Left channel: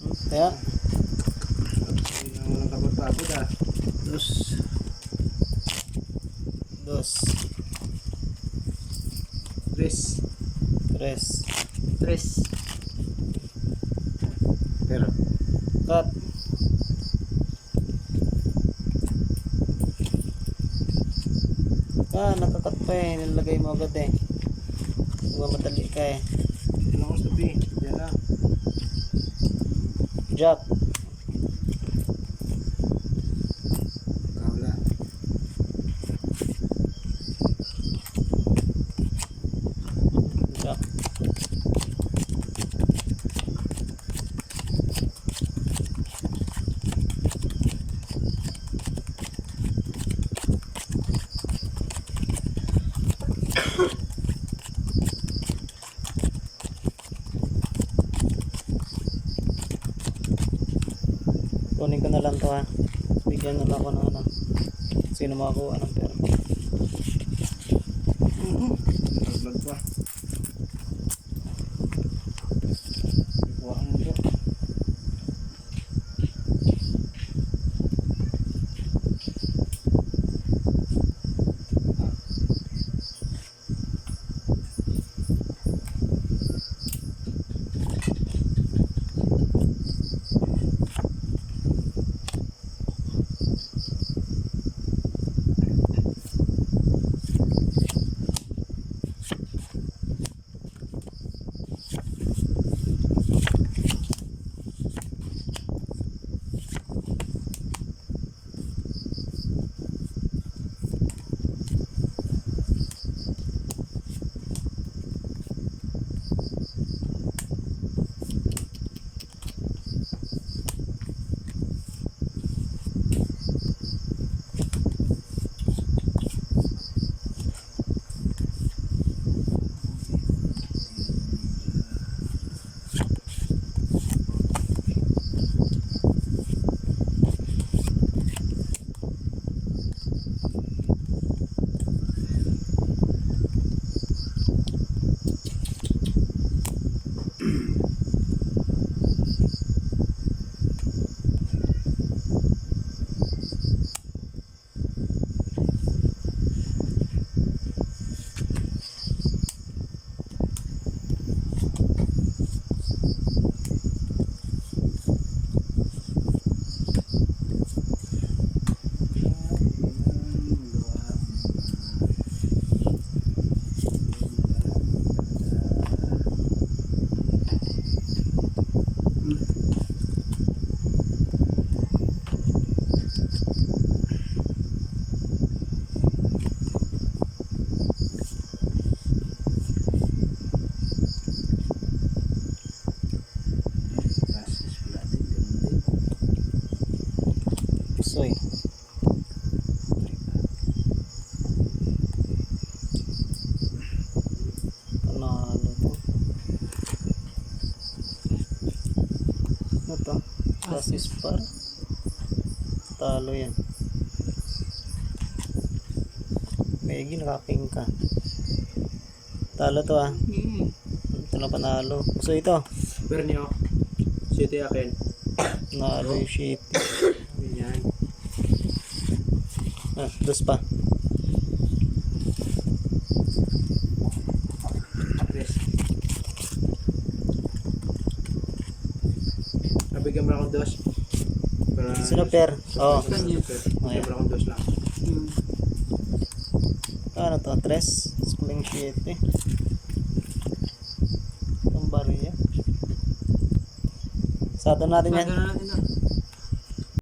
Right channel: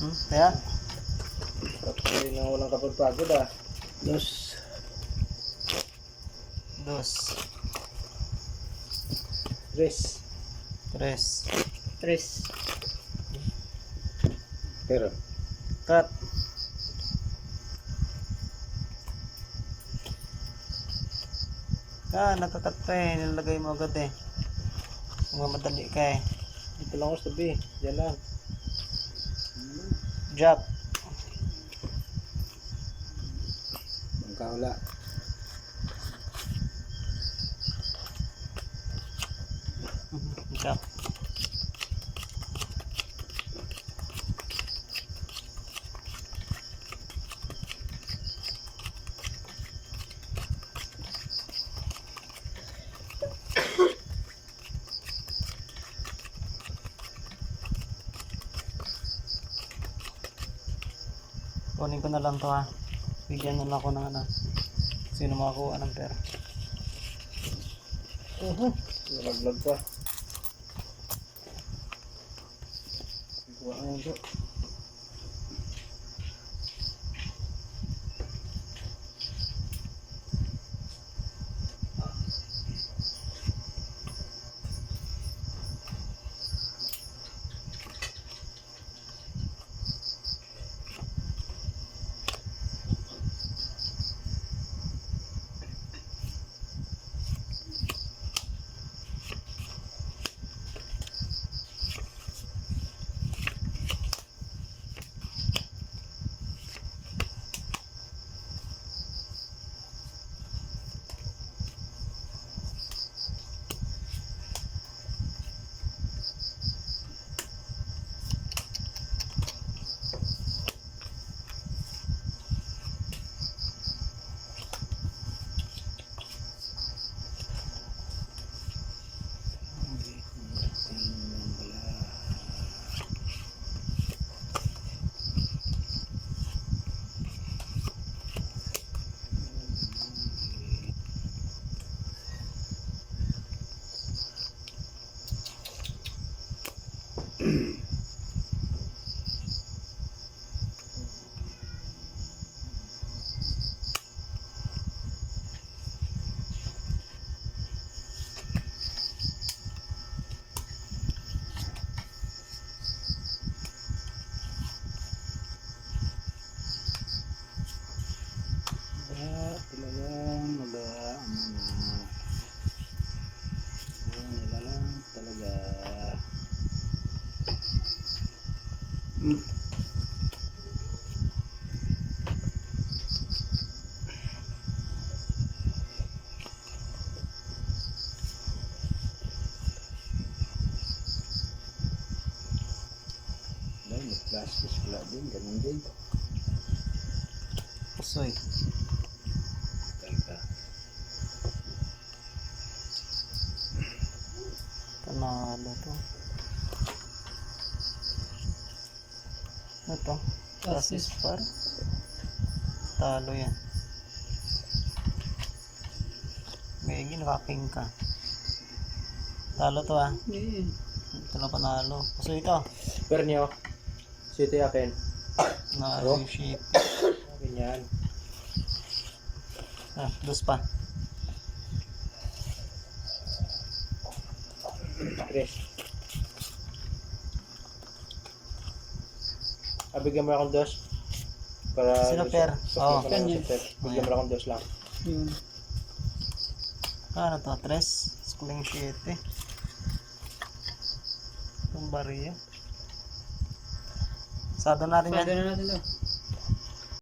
Kaya? Tapos na walang kapagpagod ah. Dos. Tres. Tres. Pero. Cut. Nakakat pa eh. Nilagay mo agad eh. Mamadali ka eh. Ilang oras na B? Diyan lang. Jack. Magkawala. Jack. Kunin ko na lang to ha. Bigyan na lang ako ng ano. Sino makakuha ng pera. Nag-vlog pa. Ikuha mo ito. Soy. Panalo to. Ito. Basis par. Talo yan. May nakaking ka. Talo to ah. Ito na panalo. So ito. Pero niyo. Sito yakin. Nalo yung sheet. Ganyan. Dos pa. Tres. Bigyan mo akong dos. Para Sino per? Oo. Kanya. Bigyan mo akong dos lang. Ano to? Tres? Sling sheet eh. Itong bariya. Sato natin yan. Pwede na natin daw.